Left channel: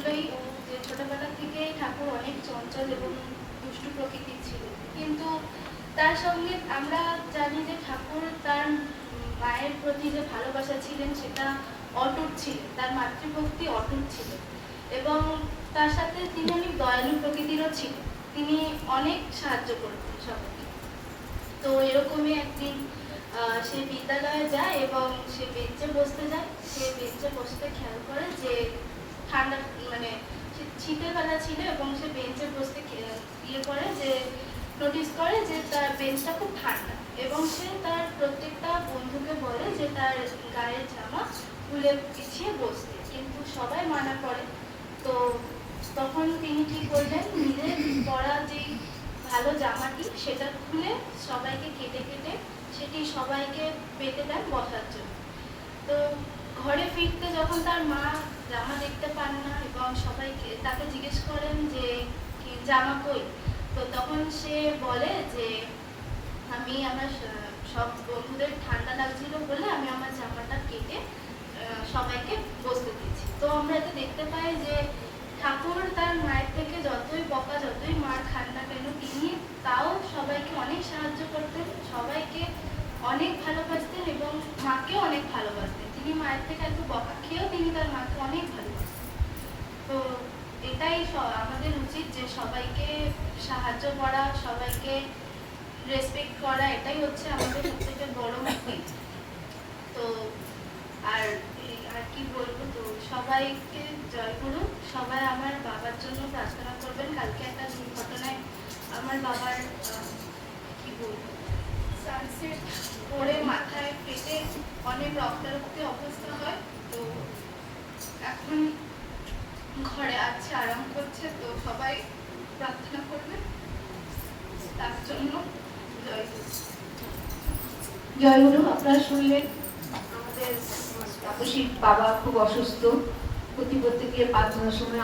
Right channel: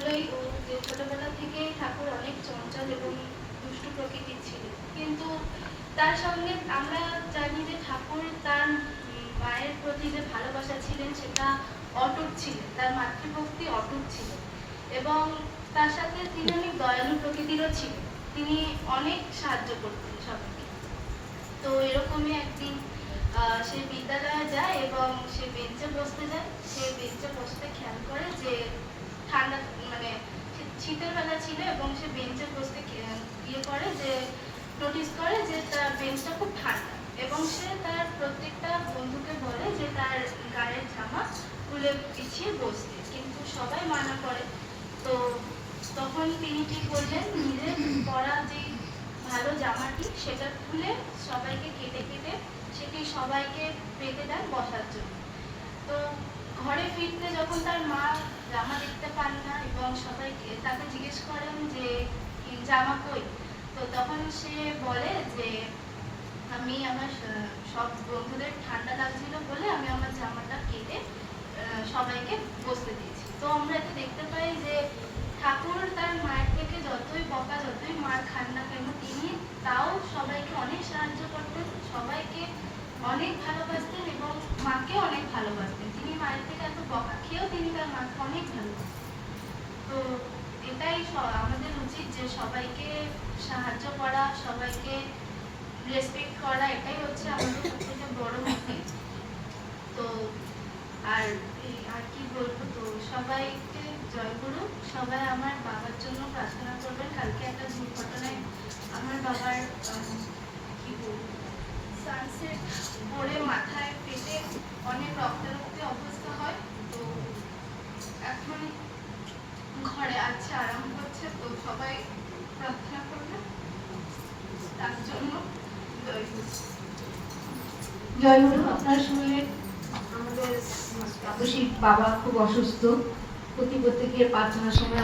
বললোই ও যে ছোটবেলা থেকেই ঠাকুর অনেক চঞ্চল এবং দুষ্টু প্রকৃতির ছিল, কিন্তু তার সঙ্গে আমরা জানি যে ঠাকুর তার মায়ের প্রতি যে ভালোবাসা ছিলেন সেটা অটুট ছিল, তার মাতৃভক্তি অটুট ছিল এবং তার সাথে তিনি অনেক দয়ালু প্রকৃতিরও ছিলেন। তিনি অনেক সাহায্য করতেন সবাইকে। তো এরকমই একদিন সে বিদ্যালয়ে যায় এবং সে বেঞ্চে বসতে যায়। সে বেঞ্চে বসতে খেয়াল করে যে ঠান্ডা মানে শীতের বেলা ছিল এবং সে বেঞ্চে বসতে ইয়ে করে যে নোটিস করে যে তার বেঞ্চটা খুব ঠান্ডা এবং সে তার প্রত্যেকটা বন্ধুকে বলে যে তার গায়ের জামা খুলে পিছিয়ে বসতে, কিন্তু সবাই মানা করে। তো তখন তিনি কি করলেন, নিজের পরা যে ভালো জামাটি সেটা খুলে সবাইকে কেটে কেটে সেটি সবাইকে পেতে দেন বসার জন্য। তো ঘরে ফিরতে যখন তার মা জামা দেখতে পান না এবং সবাইকে তাকে জিজ্ঞেস করেন যে কি জামা কই, তো তখন সে বলে যে আমি আমার সব বন্ধুদের ঠান্ডা লাগছিল বলে আমি আমার জামাটা কেটে সবাইকে বসতে দিয়েছি। তো আমরা এটা দেখতে পাই যে ঠাকুর তার মায়ের থেকে যতই বকা যতই মার খান না কেন তিনি তাও সবাইকে অনেক সাহায্য করতেন, সবাইকে অনেক ভালোবাসতেন এবং মাকেও অনেক ভালোবাসতেন। তিনি মায়ের থেকে এত বকা খেয়েও তিনি তার মাকে অনেক ভালোবাসতেন। তো এটাই আমাদের উচিত যে সবাইকে সাহায্য করা, সবাইকে রেসপেক্ট করা, এটাই হচ্ছে আমাদের সবথেকে বড় মোটিভ। তো আর আর কি বলবো, তো সবাইকে জয় করুন। সবাই আমার বাবার জন্য প্রার্থনা করবেন। কালকে একটা দুর্ঘটনায় আমার বাবার কি বলবো সানসেট পড়ে মাথায় পেটে অনেক রক্তারক্তি অবস্থা হয়। তো এখন ঘরে আছে, আরাম করছে। তো সবাই প্রার্থনা করবেন তার জন্য। জয় গুরু। জয় গুরু। আপনারা শুনলেন আমাদের তাপসীর বাবা খুব অসুস্থ, প্রতি প্রত্যেকে প্রার্থনার সময়